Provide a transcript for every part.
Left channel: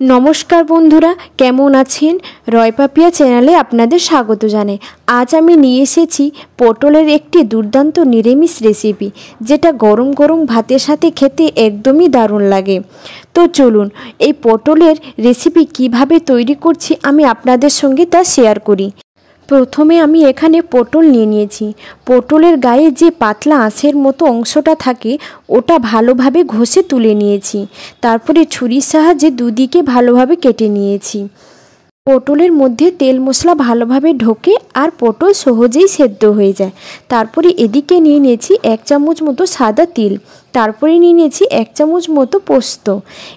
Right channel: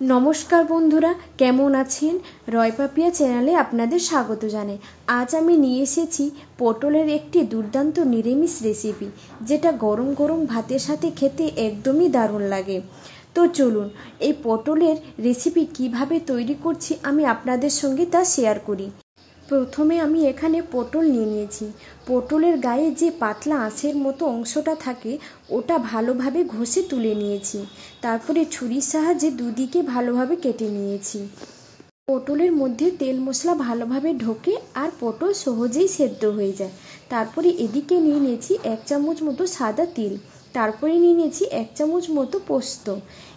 नमस्कार बंधुरा केमन आছেন रय पापिया चैनले आपनादेर स्वागत जानाई। आज आमी निये एसेछि पटलेर एकटी दुर्दान्त निरामिष रेसिपि जेटा गरम गरम भातेर साथे खेते एकदमई दारुण लागे। तो चलुन এই पटलेर रेसिपि किभाबे तैरी करछि आमी आपनादेर संगे ता शेयर करी। प्रथमे आमी एखाने पटल निये निয়েছি। पटलेर गाये जे पातला आँशेर मतो अंशटा थाके ओटा भालोभाबे घषे तुले निয়েছি। तारपरे छुरिर साहाज्ये दुदिके भालोभाबे केटे निয়েছি। पटलेर मध्य तेल मशला भालोभाबे ढोके और पटल सहजेई सेদ্ধ हो जाए। तारपरे एदिके निये निয়েছি 1 चामच मतो सादा तिल, तारपरे निये निয়েছি 1 चामच मतो पोस्त।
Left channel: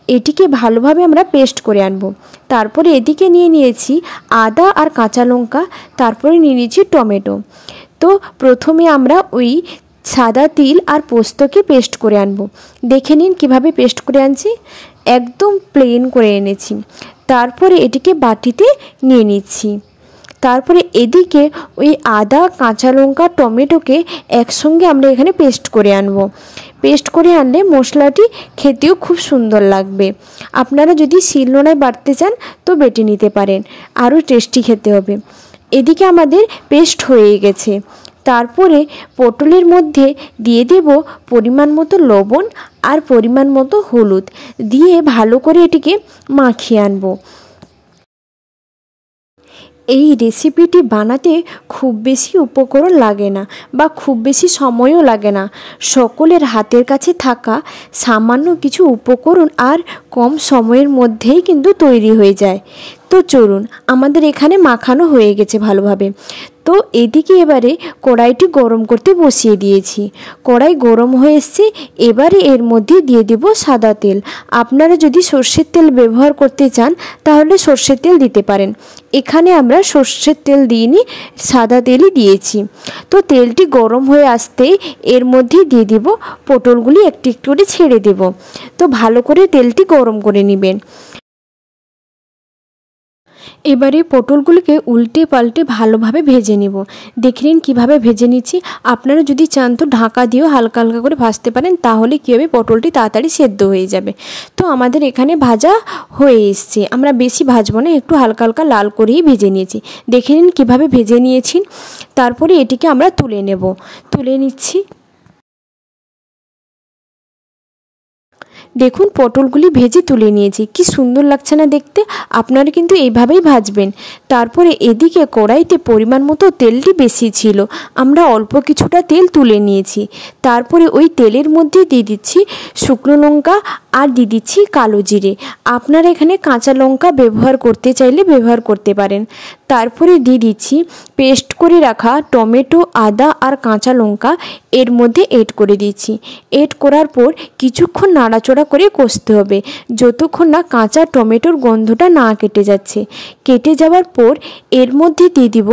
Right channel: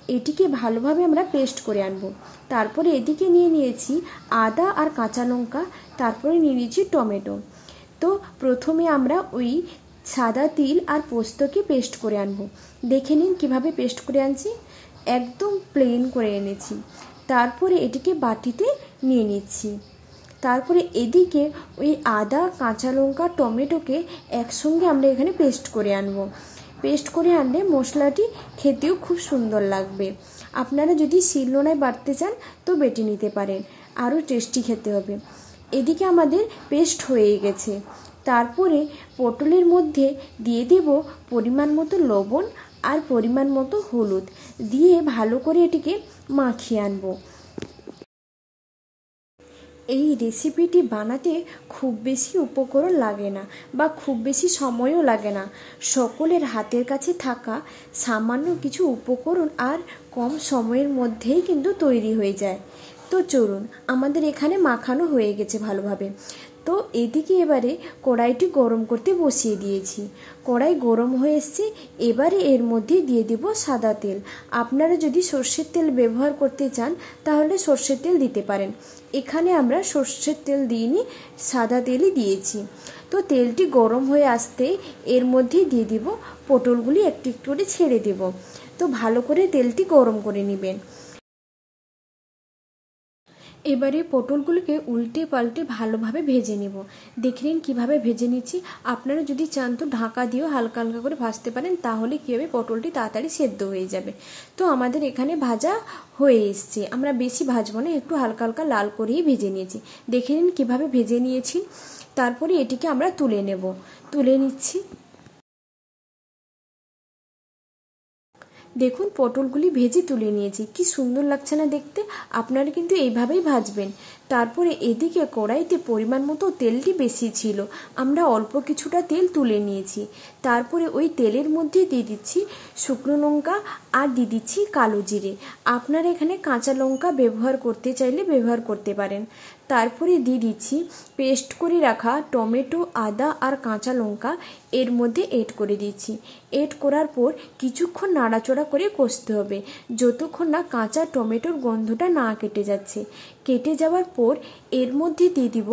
एटिके भालोभाबे आमरा पेस्ट करे आनबो। तारपरे एदिके निये निয়েছি आदा और काँचा लंका, तारपरे निये निয়েছি टमेटो। तो प्रथमे आमरा ओई सादा तिल और पोस्तके पेस्ट करे आनबो। देखे निन किभाबे पेस्ट करे आनछि, एकदम प्लेन करे এনেছি। तारपरे एटिके बाटीते निये निচ্ছি। तारपरे एदिके ओई आदा काँचा लंका टमेटोके एकसंगे आमरा एखाने पेस्ट करे आनबो। पेस्ट करे आनले मशलाटी खेतेও खूब सुंदर लागबे। आपनारा यदि शिलনোড়ায় बाटते चान तो बेटे निते पारेन, आरो टेस्टी खेते होबे। एदिके आमादेर पेस्ट हये गेছে। तारपरे पटलेर मध्य दिए देब परिमाण मतो लवण और परिमाण मतो हलुद दिए भालो करे एटिके माखिए आनबो। এই রেসিপিটি বানাতে খুব বেশি উপকরণ লাগে না বা খুব বেশি সময়ও লাগে না। সকলের হাতের কাছে থাকা সামান্য কিছু উপকরণ আর কম সময়ের মধ্যেই কিন্তু তৈরি হয়ে যায়। তো চলুন আমাদের এখানে মাখানো হয়ে গেছে ভালোভাবে। তো এদিকে এবারে কড়াইটি গরম করতে বসিয়ে দিয়েছি। কড়াই গরম হয়ে এসেছে, এবারে এর মধ্যে দিয়ে দেব সাদা তেল। আপনারা যদি সরষের তেল ব্যবহার করতে চান তাহলে সরষের তেল দিতে পারেন। এখানে আমরা সরষের তেল দিইনি, সাদা তেলই দিয়েছি। তো তেলটি গরম হয়ে আসতে এর মধ্যে দিয়ে দেব পটলগুলি একটু একটু করে ছেড়ে দেব। তো ভালো করে তেলটি গরম করে নেবেন। এবারে পটলগুলোকে উল্টে পাল্টে ভালোভাবে ভেজে নেব। দেখে নিন কীভাবে ভেজে নিচ্ছি। আপনারা যদি চান তো ঢাকা দিয়েও হালকা হালকা করে ভাজতে পারেন, তাহলে কী হবে পটলটি তাড়াতাড়ি সেদ্ধ হয়ে যাবে। তো আমাদের এখানে ভাজা হয়ে এসছে, আমরা বেশি ভাজবো না, একটু হালকা হালকা লাল করেই ভেজে নিয়েছি। দেখে নিন কীভাবে ভেজে নিয়েছি। তারপরে এটিকে আমরা তুলে নেব। তুলে নিচ্ছি। দেখুন পটলগুলি ভেজে তুলে নিয়েছি, কি সুন্দর লাগছে না দেখতে। আপনারা কিন্তু এইভাবেই ভাজবেন। তারপরে এদিকে কড়াইতে পরিমাণ মতো তেলটি বেশি ছিল, আমরা অল্প কিছুটা তেল তুলে নিয়েছি। তারপরে ওই তেলের মধ্যে দিয়ে দিচ্ছি শুকনো লঙ্কা আর দিয়ে দিচ্ছি কালো জিরে। আপনারা এখানে কাঁচা লঙ্কা ব্যবহার করতে চাইলে ব্যবহার করতে পারেন। তারপরে দিয়ে দিচ্ছি পেস্ট করে রাখা টমেটো, আদা আর কাঁচা লঙ্কা এর মধ্যে এড করে দিচ্ছি। এড করার পর কিছুক্ষণ নাড়াচড়া করে কষতে হবে, যতক্ষণ না কাঁচা টমেটোর গন্ধটা না কেটে যাচ্ছে। কেটে যাওয়ার পর এর মধ্যে দিয়ে দিব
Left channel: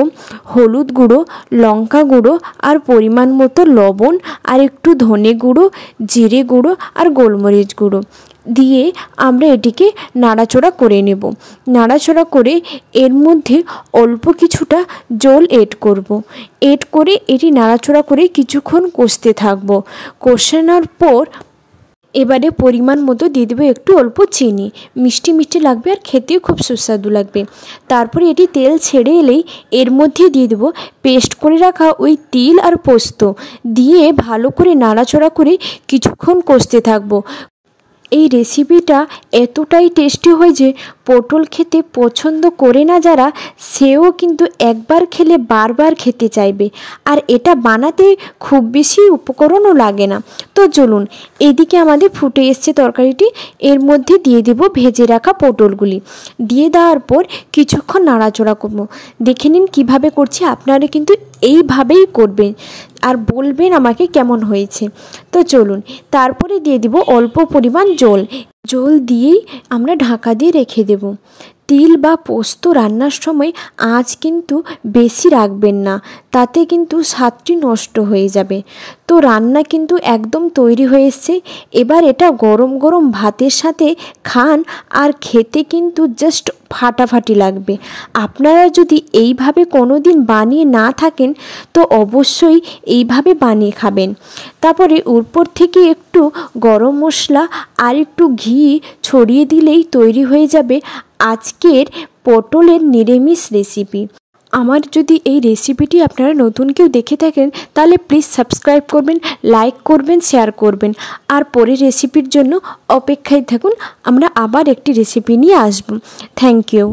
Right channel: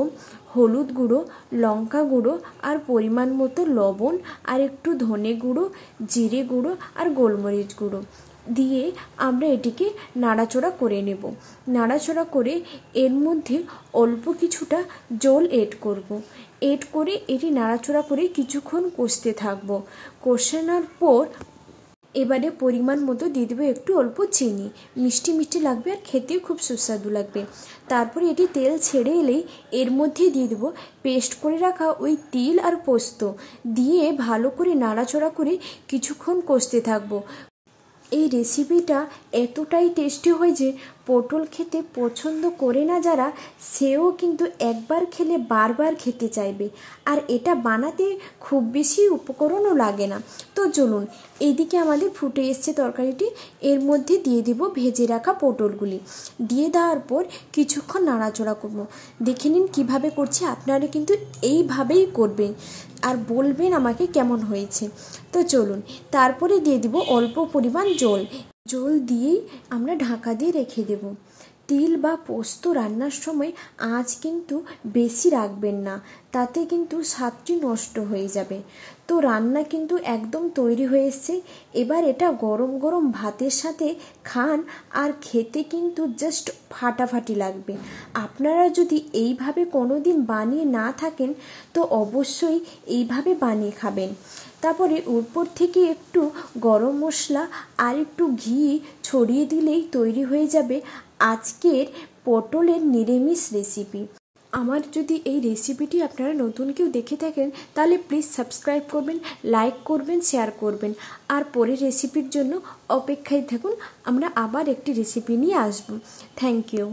হলুদ গুঁড়ো, লঙ্কা গুঁড়ো আর পরিমাণ মতো লবণ আর একটু ধনে গুঁড়ো, জিরে গুঁড়ো আর গোলমরিচ গুঁড়ো দিয়ে আমরা এটিকে নাড়াচড়া করে নেব। নাড়াচড়া করে এর মধ্যে অল্প কিছুটা জল এড করব। এড করে এটি নাড়াচড়া করে কিছুক্ষণ কষতে থাকব। কষানোর পর এবারে পরিমাণ মতো দিয়ে দেবো একটু অল্প চিনি। মিষ্টি মিষ্টি লাগবে আর খেতেও খুব সুস্বাদু লাগবে। তারপরে এটি তেল ছেড়ে এলেই এর মধ্যে দিয়ে দেবো পেস্ট করে রাখা ওই তিল আর পোস্ত দিয়ে ভালো করে নাড়াচড়া করে কিছুক্ষণ কষতে থাকবো। এই রেসিপিটা এতটাই টেস্টি হয় যে পটল খেতে পছন্দ করে না যারা, সেও কিন্তু একবার খেলে বারবার খেতে চাইবে। আর এটা বানাতে খুব বেশি উপকরণও লাগে না। তো চলুন এদিকে আমাদের ফুটে এসছে তরকারিটি, এর মধ্যে দিয়ে দেব ভেজে রাখা পটলগুলি। দিয়ে দেওয়ার পর কিছুক্ষণ নাড়াচড়া করব। দেখে নিন কীভাবে করছি, আপনারা কিন্তু এইভাবেই করবেন আর বলবেন আমাকে কেমন হয়েছে। তো চলুন তারপরে দিয়ে দিব অল্প পরিমাণ জল। জল দিয়েই আমরা ঢাকা দিয়ে রেখে দেব। তিল বা পোস্ত রান্নার সময় আঁচ কিন্তু বেশি রাখবেন না, তাতে কিন্তু স্বাদটি নষ্ট হয়ে যাবে। তো রান্না কিন্তু একদম তৈরি হয়ে এসছে। এবার এটা গরম গরম ভাতের সাথে খান, আর খেতে কিন্তু জাস্ট ফাটাফাটি লাগবে। আপনারা যদি এইভাবে কোনো দিন বানিয়ে না থাকেন তো অবশ্যই এইভাবে বানিয়ে খাবেন। তারপরে উপর থেকে একটু গরম মশলা আর একটু ঘি ছড়িয়ে দিলেই তৈরি হয়ে যাবে আজকের পটলের নিরামিষ রেসিপি। আমার যদি এই রেসিপিটি আপনারা নতুন কেউ দেখে থাকেন তাহলে প্লিজ সাবস্ক্রাইব করবেন, লাইক করবেন, শেয়ার করবেন। আর পরের রেসিপির জন্য অপেক্ষায় থাকুন, আমরা আবার একটি রেসিপি নিয়ে আসব। Thank you.